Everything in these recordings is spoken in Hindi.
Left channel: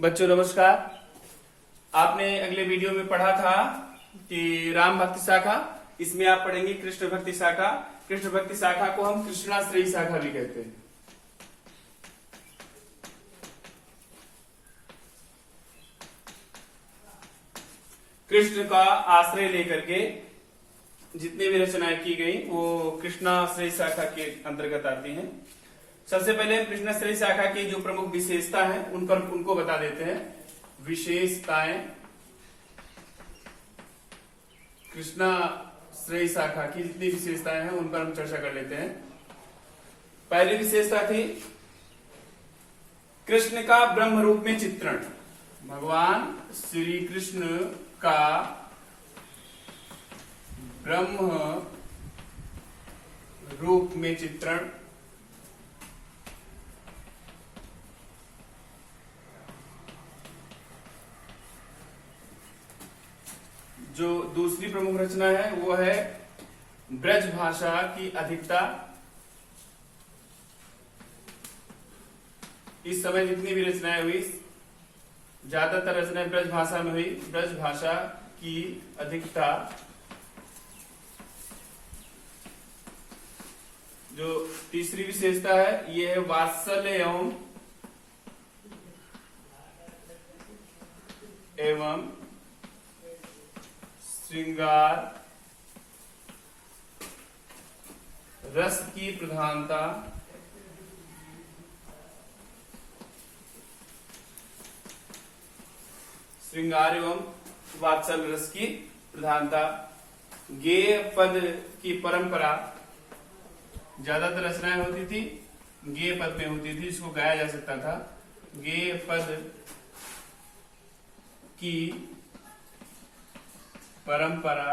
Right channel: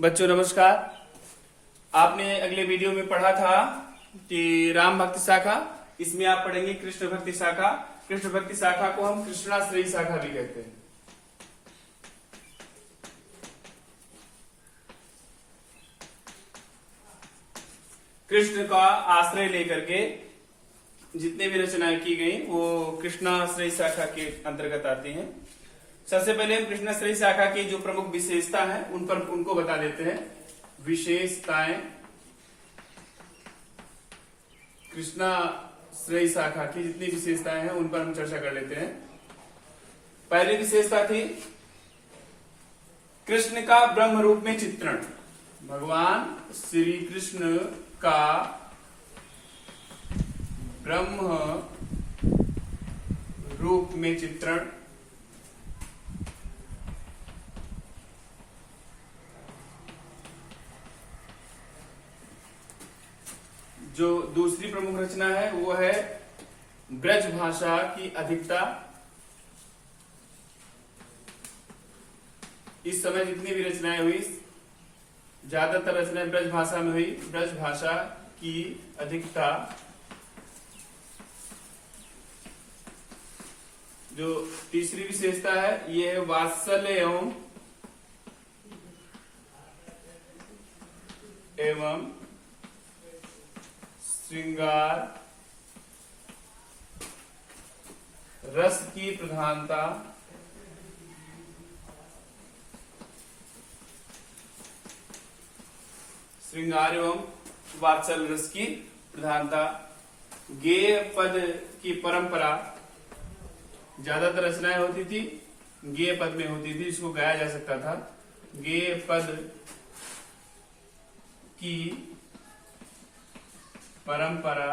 बच्चों नमस्कार। आपने अगले वीडियो में पढ़ा था कि राम भक्ति शाखा, इसमें आप पढ़ेंगे कृष्ण भक्ति शाखा। कृष्ण भक्ति शाखा को हम कृष्णाश्रयी शाखा भी कहते हैं। कृष्ण का आश्रय लेकर के जितनी भी रचनाएं की गई वो कृष्णाश्रयी शाखा के अंतर्गत आती हैं। सबसे पहले हम कृष्णाश्रयी शाखा की जो प्रमुख विशेषता है उनको बता देते हैं। विशेषताएं कृष्णाश्रयी शाखा की जितनी विशेषताएं हैं उन पर हम चर्चा कर लेते हैं। पहली विशेषता थी कृष्ण का ब्रह्म रूप में चित्रण। भगवान श्री कृष्ण का ब्रह्म रूप में चित्रण। जो दूसरी प्रमुख रचना है वो है ब्रज भाषा की अधिकता। इस समय जितनी भी रचनाएं हुई ज्यादातर रचनाएं ब्रज भाषा में हुई। ब्रज भाषा की अधिकता। जो तीसरी विशेषता है ये है वात्सल्य एवं श्रृंगार रस की प्रधानता। श्रृंगार एवं वात्सल्य रस की प्रधानता। गेय पद की परंपरा। ज्यादातर रचनाएं होती थी गेय पद में होती थी, इसको गाया जा सकता था। गेय पद की परंपरा।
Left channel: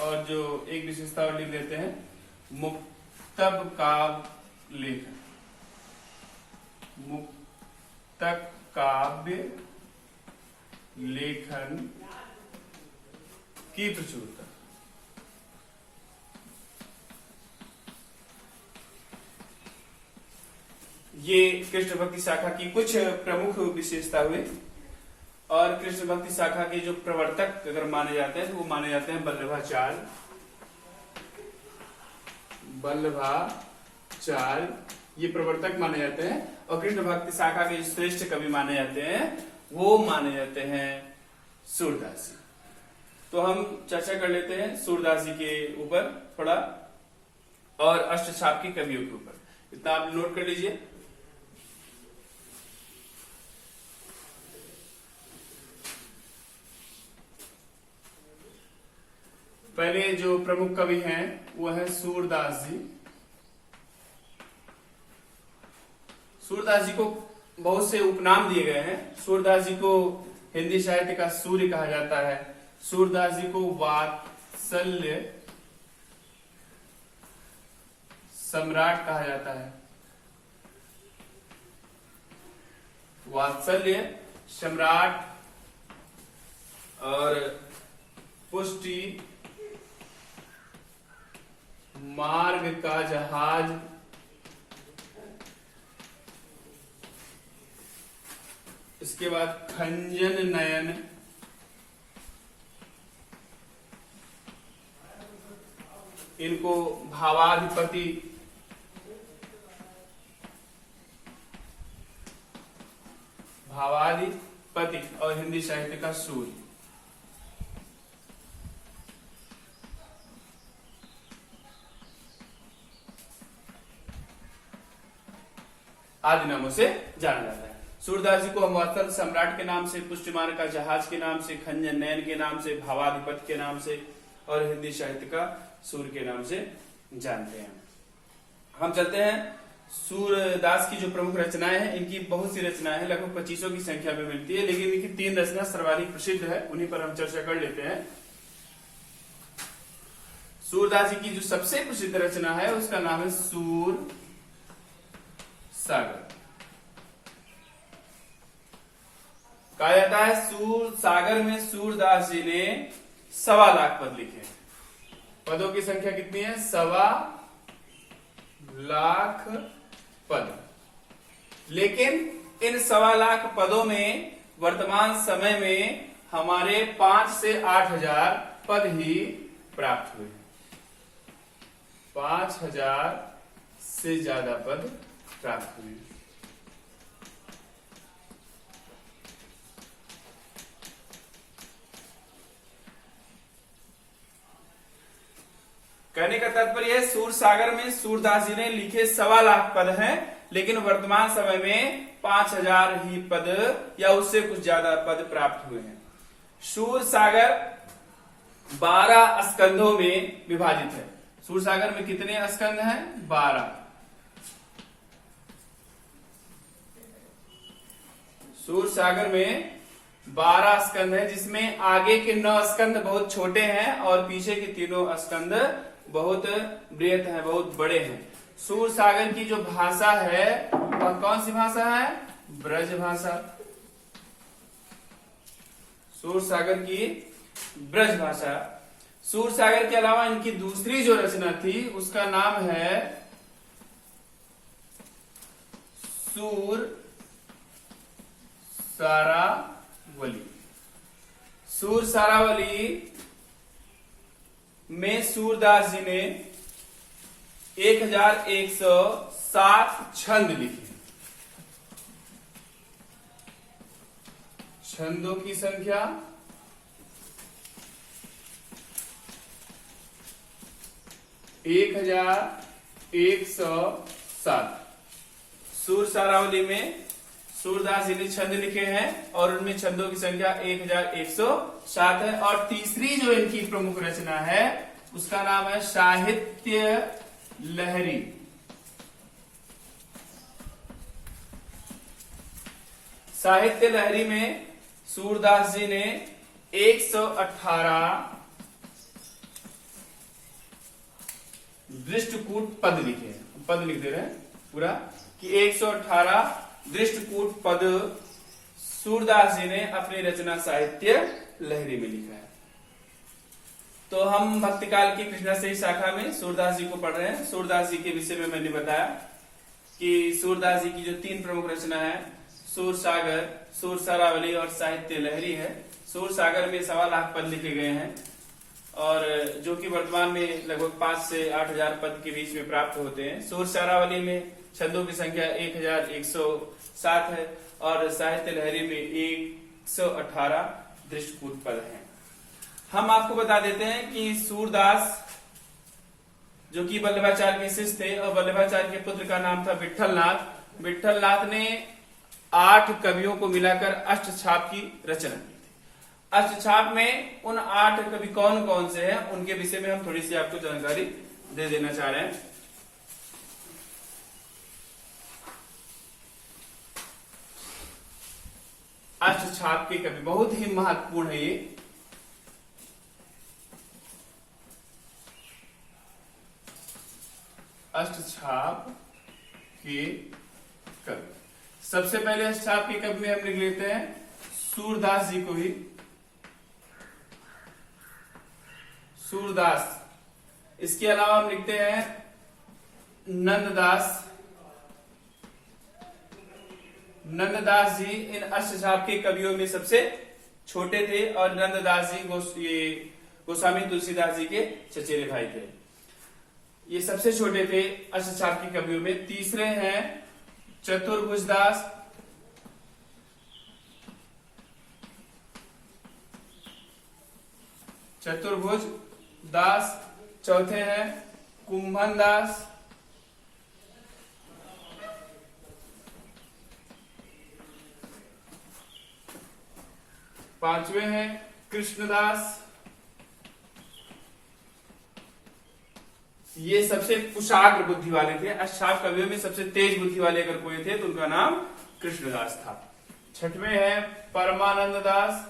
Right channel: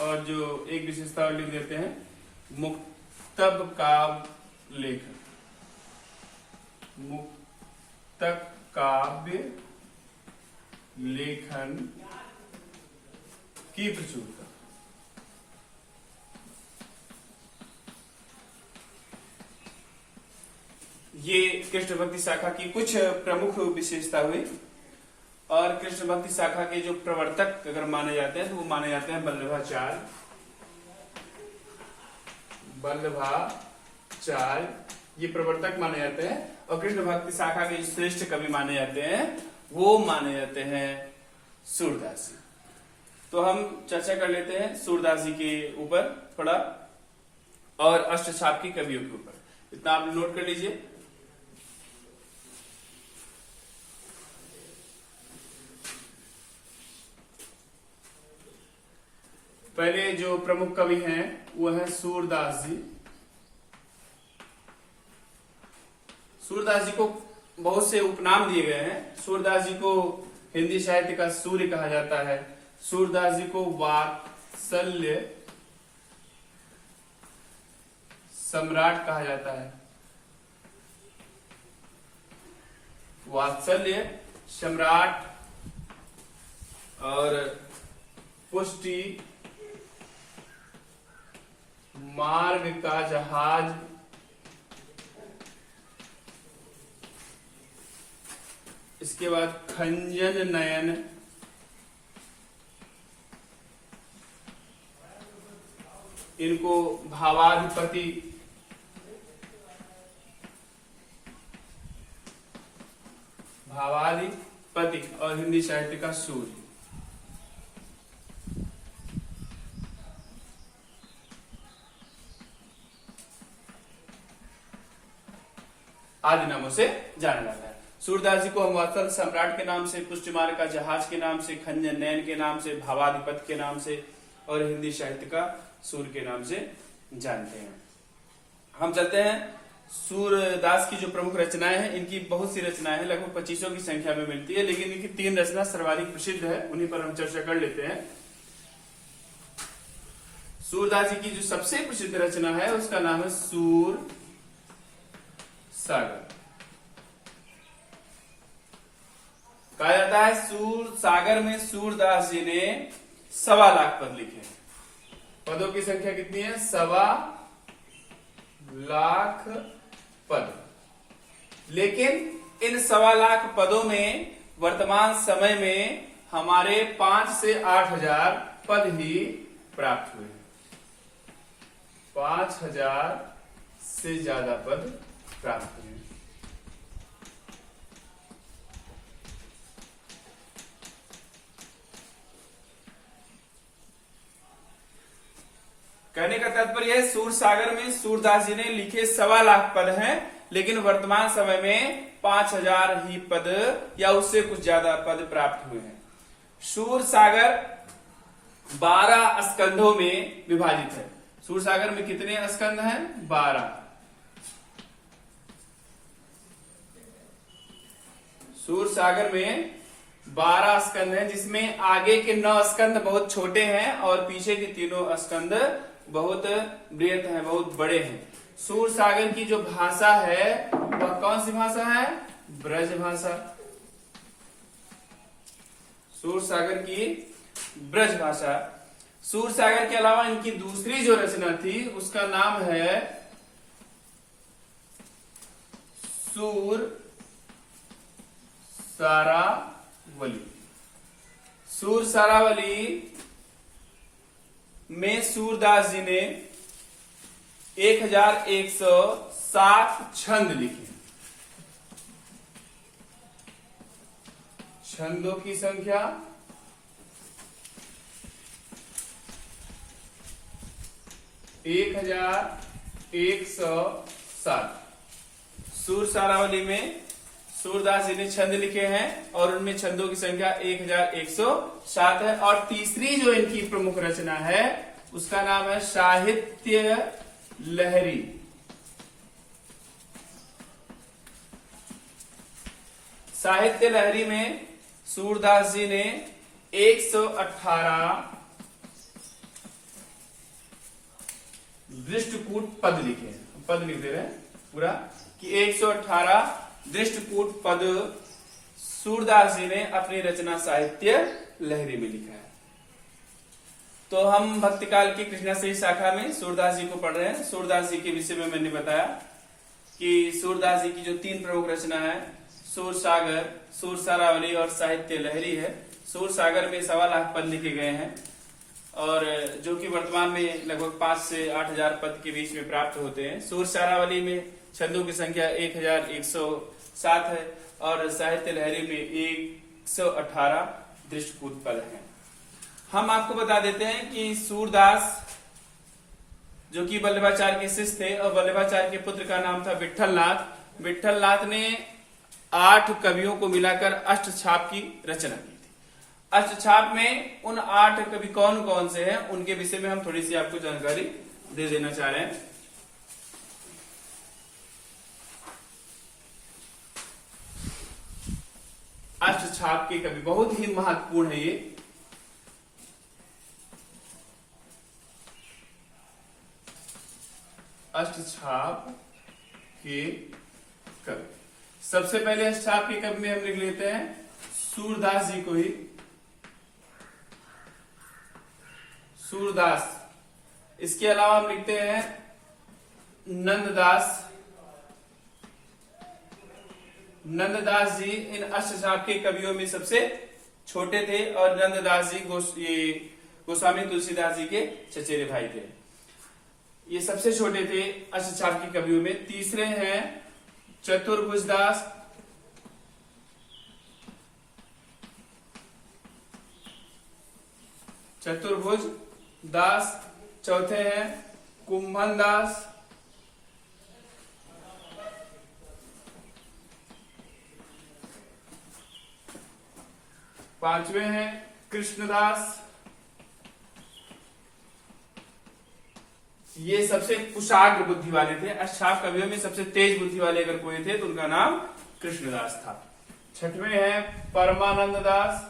और जो एक विशेषता और लिख देते हैं मुक्तब काव्य लेखन। मुक्तक काव्य लेखन की प्रचुरता। ये कृष्ण भक्ति शाखा की कुछ प्रमुख विशेषता हुई। और कृष्ण भक्ति शाखा के जो प्रवर्तक अगर माने जाते हैं तो वो माने जाते हैं वल्लभाचार्य। वल्लभाचार्य ये प्रवर्तक माने जाते हैं। और कृष्ण भक्ति शाखा के श्रेष्ठ कवि माने जाते हैं वो माने जाते हैं सूरदास जी। तो हम चर्चा कर लेते हैं सूरदास जी के ऊपर थोड़ा और अष्टशापकी कवियों के ऊपर। इतना आप नोट कर लीजिए। पहले जो प्रमुख कवि हैं वो है सूरदास जी। सूरदास जी को बहुत से उपनाम दिए गए हैं। सूरदास जी को हिंदी साहित्य का सूर्य कहा जाता है। सूरदास जी को वात्सल्य सम्राट कहा जाता है। वात्सल्य सम्राट और पुष्टि मार्ग का जहाज। इसके बाद खंजन नयन। इनको भावाधिपति। भावाधिपति और हिंदी साहित्य का सूर्य आदि नामों से जाना जाता है। सूरदास जी को हम वात्सल्य सम्राट के नाम से, पुष्टिमार्ग का जहाज के नाम से, खंजन नयन के नाम से, भावाधिपति के नाम से और हिंदी साहित्य का सूर्य के नाम से जानते हैं। हम चलते हैं सूरदास की जो प्रमुख रचनाएं हैं। इनकी बहुत सी रचनाएं हैं, लगभग 2500 की संख्या में मिलती है, लेकिन इनकी 3 रचना सर्वाधिक प्रसिद्ध है, उन्हीं पर हम चर्चा कर लेते हैं। सूरदास जी की जो सबसे प्रसिद्ध रचना है उसका नाम है सूर सागर। कहा जाता है सूर सागर में सूरदास जी ने 1.25 लाख पद लिखे हैं। पदों की संख्या कितनी है? 1.25 लाख पद। लेकिन इन 1.25 पदों में वर्तमान समय में हमारे 5 से 8,000 पद ही प्राप्त हुए। 5,000 से ज्यादा पद प्राप्त हुए। कहने का तात्पर्य है सूरसागर में सूरदास जी ने लिखे 1.25 पद हैं, लेकिन वर्तमान समय में 5,000 ही पद या उससे कुछ ज्यादा पद प्राप्त हुए हैं। सूरसागर 12 स्कंधों में विभाजित है। सूरसागर में कितने स्कंध हैं? 12। सूरसागर में 12 स्कंध हैं, जिसमें आगे के 9 स्कंध बहुत छोटे हैं और पीछे के तीनों स्कंध बहुत बृहत हैं, बहुत बड़े हैं। सूरसागर की जो भाषा है वह कौन सी भाषा है? ब्रज भाषा। सूरसागर की ब्रज भाषा। सूरसागर के अलावा इनकी दूसरी जो रचना थी उसका नाम है सूर सारावली। सूर सारावली में सूरदास जी ने 1107 छंद लिखे। छंदों की संख्या 1107। सूर सारावली में सूरदास जी ने छंद लिखे हैं और उनमें छंदों की संख्या 1107 है। और तीसरी जो इनकी प्रमुख रचना है उसका नाम है साहित्य लहरी। साहित्य लहरी में सूरदास जी ने 118 दृष्टकूट पद लिखे हैं। पद लिख दे रहे हैं पूरा कि 118 दृष्टकूट पद सूरदास जी ने अपनी रचना साहित्य लहरी में लिखा है। तो हम भक्तिकाल की कृष्णा श्री शाखा में सूरदास जी को पढ़ रहे हैं। सूरदास जी के विषय में मैंने बताया कि सूरदास जी की जो 3 प्रमुख रचना है सूरसागर, सूर सारावली और साहित्य लहरी है। सूरसागर में 1.25 पद लिखे गए हैं और जो कि वर्तमान में लगभग 5 से 8,000 पद के बीच में प्राप्त होते हैं। सूर सारावली में छंदों की संख्या 1107 है और साहित्य लहरी में 118 दृष्टकूट पद हैं। हम आपको बता देते हैं कि सूरदास जो कि वल्लभाचार्य के शिष्य थे और वल्लभाचार्य के पुत्र का नाम था विट्ठलनाथ। विट्ठलनाथ ने 8 कवियों को मिलाकर अष्टछाप की रचना की थी। अष्टछाप में उन 8 कवि कौन कौन से हैं उनके विषय में हम थोड़ी सी आपको जानकारी दे देना चाह रहे हैं। अष्टछाप के कवि बहुत ही महत्वपूर्ण है ये। अष्टछाप के कवि, सबसे पहले अष्टछाप के कवि में हम लिख लेते हैं सूरदास जी को ही। सूरदास। इसके अलावा हम लिखते हैं नंददास। नंददास जी इन अष्टछाप के कवियों में सबसे छोटे थे और नंददास जी गोस्वामी तुलसीदास जी के चचेरे भाई थे। ये सबसे छोटे थे अष्टछाप के कवियों में। तीसरे हैं चतुर्भुज दास। चतुर्भुज दास। चौथे हैं कुंभन दास। पांचवे हैं कृष्णदास। ये सबसे कुशाग्र बुद्धि वाले थे। अष्टछाप कवियों में सबसे तेज बुद्धि वाले अगर कोई थे तो उनका नाम कृष्णदास था। छठवें हैं परमानंद दास।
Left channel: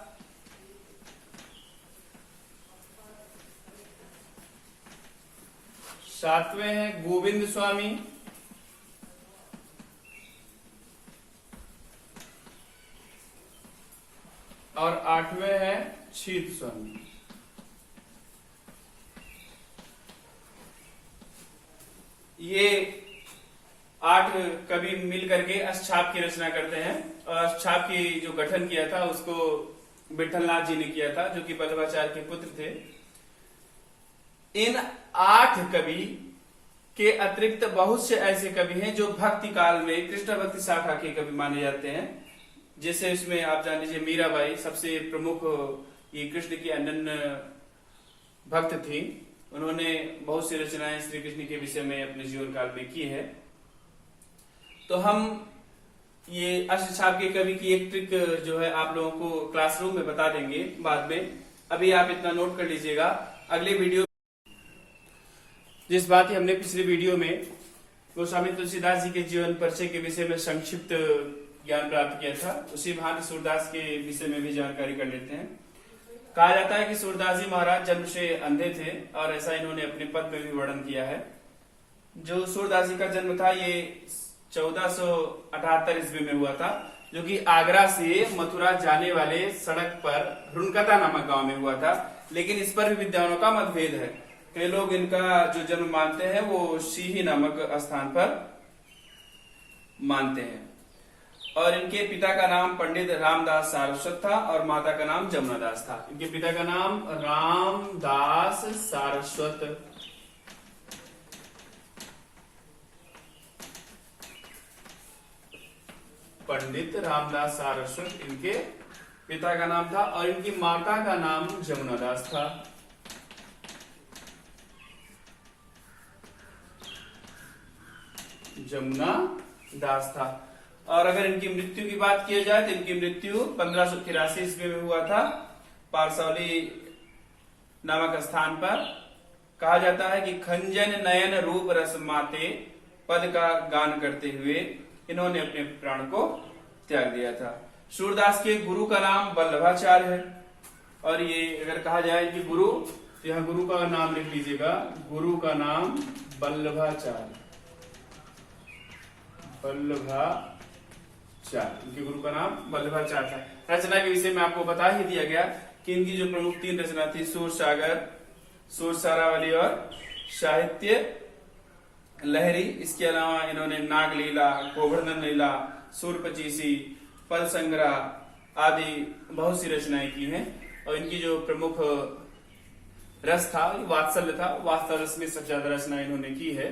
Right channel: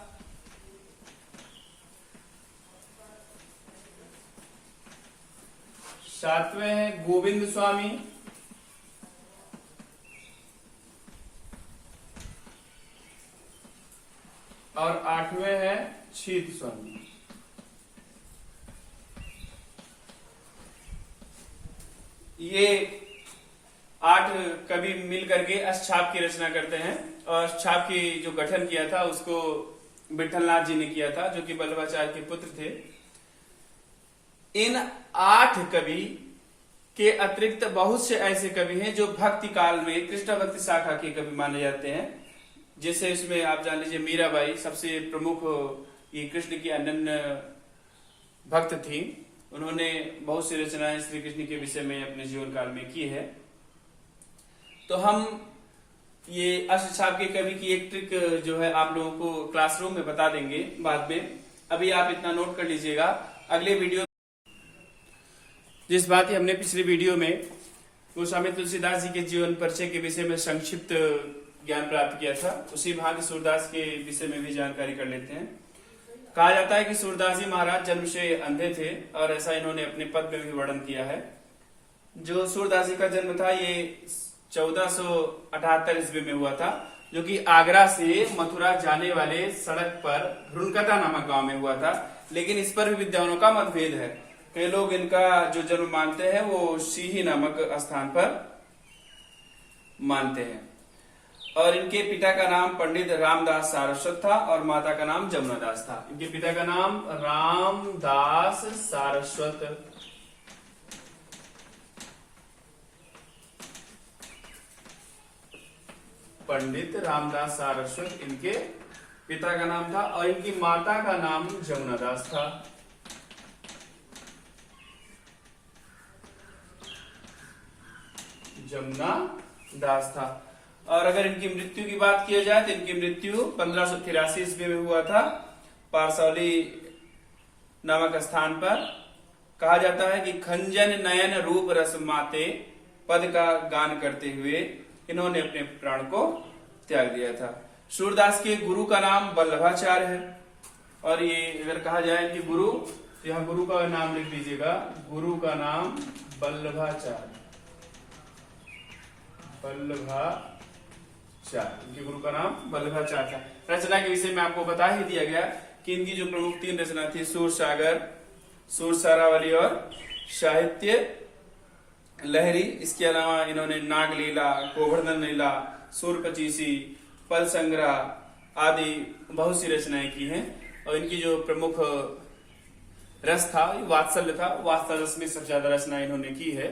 सातवें हैं गोविंद स्वामी। और आठवें हैं शीत स्वामी। ये 8 कवि मिल करके अष्टछाप की रचना करते हैं और अष्टछाप की जो गठन किया था उसको विठलनाथ जी ने किया था, जो कि वल्लभाचार्य के पुत्र थे। इन 8 कवि के अतिरिक्त बहुत से ऐसे कवि हैं जो भक्ति काल में कृष्ण भक्ति शाखा के कवि माने जाते हैं। जैसे इसमें आप जान लीजिए मीराबाई सबसे प्रमुख ये कृष्ण की अनन्य भक्त थी। उन्होंने बहुत सी रचनाएं श्री कृष्ण के विषय में अपने जीवन काल में की है। तो हम ये अष्टछाप के कवि की एक ट्रिक जो है आप लोगों को क्लासरूम में बता देंगे बाद में। अभी आप इतना नोट कर लीजिएगा। अगले वीडियो जिस बात की हमने पिछली वीडियो में गोस्वामी तुलसीदास जी के जीवन परिचय के विषय में संक्षिप्त ज्ञान प्राप्त किया था, उसी भांति सूरदास के विषय में भी जानकारी कर लेते हैं। कहा जाता है कि सूरदास जी महाराज जन्म से अंधे थे और ऐसा इन्होंने अपने पद में भी वर्णन किया है। जो सूरदास जी का जन्म था ये 1478 ईस्वी में हुआ था, जो कि आगरा से मथुरा जाने वाले सड़क पर रुनकता नामक गांव में हुआ था। लेकिन इस पर भी विद्वानों का मतभेद है। कई लोग इनका जो जन्म मानते हैं वो सीही नामक स्थान पर मानते हैं। और इनके पिता का नाम पंडित रामदास सारस्वत था और माता का नाम जमुना दास था। इनके पिता का नाम रामदास सारस्वत, पंडित रामदास सारस्वत इनके पिता का नाम था और इनकी माता का नाम जमुना दास था। जमुना दास था। और अगर इनकी मृत्यु की बात की जाए तो इनकी मृत्यु 1583 ईस्वी में हुआ था पारसौली नामक स्थान पर। कहा जाता है कि खंजन नयन रूप रस माते पद का गान करते हुए इन्होंने अपने प्राण को त्याग दिया था। सूरदास के गुरु का नाम वल्लभाचार्य है। और ये अगर कहा जाए कि गुरु, तो यहाँ गुरु का नाम लिख लीजिएगा। गुरु का नाम वल्लभाचार्य, वल्लभाचार्य, इनके गुरु का नाम वल्लभाचार्य था। रचना के विषय में आपको बता ही दिया गया कि इनकी जो प्रमुख 3 रचना थी, सूर सागर, सूर सारावली और साहित्य लहरी। इसके अलावा इन्होंने नागलीला, गोवर्धन लीला, सूर पचीसी, पल संग्रह आदि बहुत सी रचनाएं की हैं। और इनकी जो प्रमुख रस था वात्सल्य था। वात्सल्य रस में सबसे ज्यादा रचना इन्होंने की है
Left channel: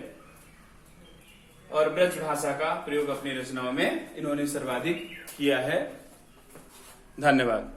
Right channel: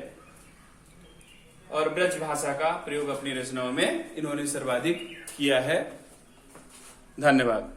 और ब्रज भाषा का प्रयोग अपनी रचनाओं में इन्होंने सर्वाधिक किया है। धन्यवाद।